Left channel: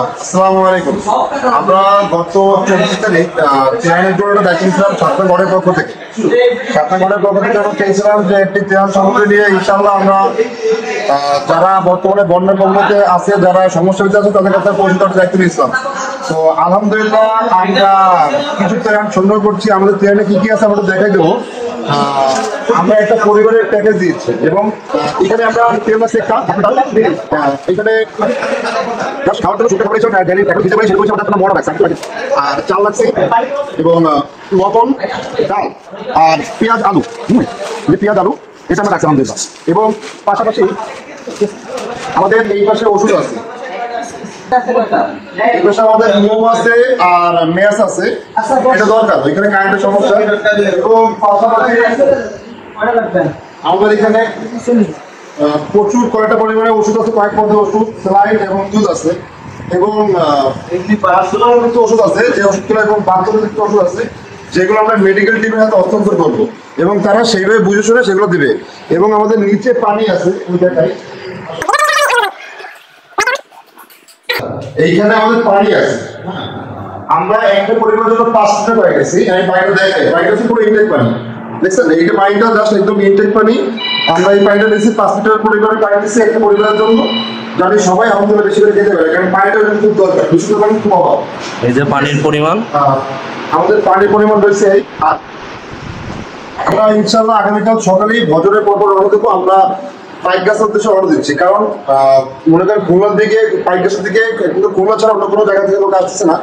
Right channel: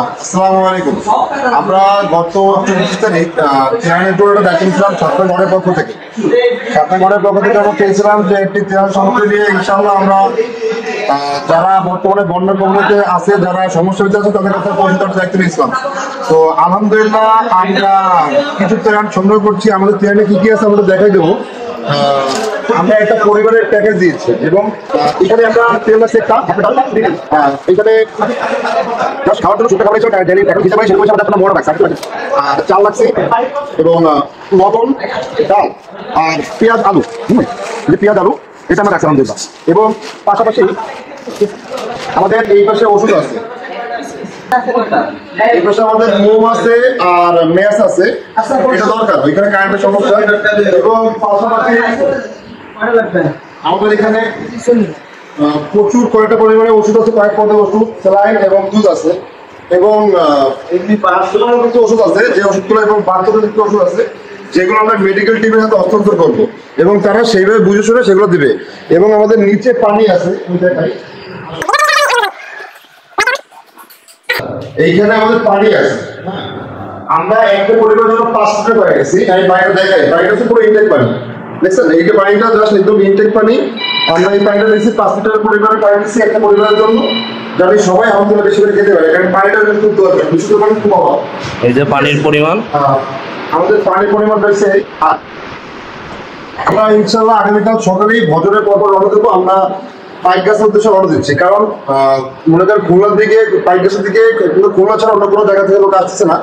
আসসালামু আলাইকুম। আমরা গত 24 তারিখ ত্রাণের জন্য দায়িত্ব নিয়েছিলাম ছাত্রগণের পক্ষ থেকে। ছাত্রগণের পক্ষ থেকে আমরা চেয়েছিলাম যে একটি ত্রাণ সামগ্রী নিয়ে ইনশাআল্লাহ আমরা যারা বর্তমানে বন্যার কবলে আছে, যারা সমস্যা হচ্ছে তাদের কাছে পৌঁছে দেওয়ার দায়িত্ব নিয়েছিলাম। তো আলহামদুলিল্লাহ আমরা কিছু ত্রাণ সংগ্রহ করছি। আমাদের ত্রাণে কি কি আছে আমরা দেখাই দেবো। আমরা একটা পরিবারের প্যাকেজ দিয়েছি এবং এখানে আমরা তেল আছে একটা এখানে খাওয়ার জন্য শুকনো খাবার ডেলি প্যাকেজ হিসেবে সেগুলো আমাদের মনে রাখছে আর চাল লাগছে এবং লবণ, ডাল আর পেঁয়াজ আলু পেঁয়াজ আলু এটা আমরা রাখছি আলহামদুলিল্লাহ। এবং পাশাপাশি আমাদের এই পাশে ওষুধ আছে, আমাদের মোম আছে আর মেস আছে, এটা দরকার এখানে কারেন্টের সমস্যা। এবং পাশাপাশি আমাদের এখানে প্রচুর কয়েকটা পরিমাণে ওষুধ আছে, কয়েক পদের ওষুধ, স্যালাইন এবং দুধ আছে এবং কিছু ওষুধ আছে যে ওষুধগুলো এবং বাচ্চাদের কিছু ওষুধ আছে যেগুলো আমরা মেডিকেল টিমের হাতে হস্তান্তর করবো এবং তারা সেইভাবে বুঝে শুনে সেগুলো দিবে। এবং আমাদের নিচে পানি আছে, এইখানে আমাদের পানি আছে। আমরা একটা পরিবারের জন্য 5 লিটার পানি গেছি। আমি পানিটা দেখাই, পানিটা হচ্ছে পুরো ইনটেক পানি, দেখছেন এই যে পানিটা জাস্ট একদম ইনটেক পানি। আমরা এই পানিটা দিচ্ছি 5 লিটার পরিবারের পানি দিচ্ছি একটা পরিবারের জন্য, যাতে সবাই আমাদের বেশি করে খেতে পারে, কারণ পানিটা খুব দরকার, বিশুদ্ধ পানি খুব অভাব। এই যে পানির পরিমাণ, আমাদের পানির পরিমাণ রয়েছে। আমরা ইনশাআল্লাহ আগামীকাল সকালেই ভজনের পর রওনা দেবো। আমরা পাইক গাছের উদ্দেশ্যে রওনা দিচ্ছি, কারণ মনে করেন খুলনার দিকে পাইক গাছের দিকে খুলনা ছাড়া অন্য কোনো জায়গা থেকে লোক আসছে না।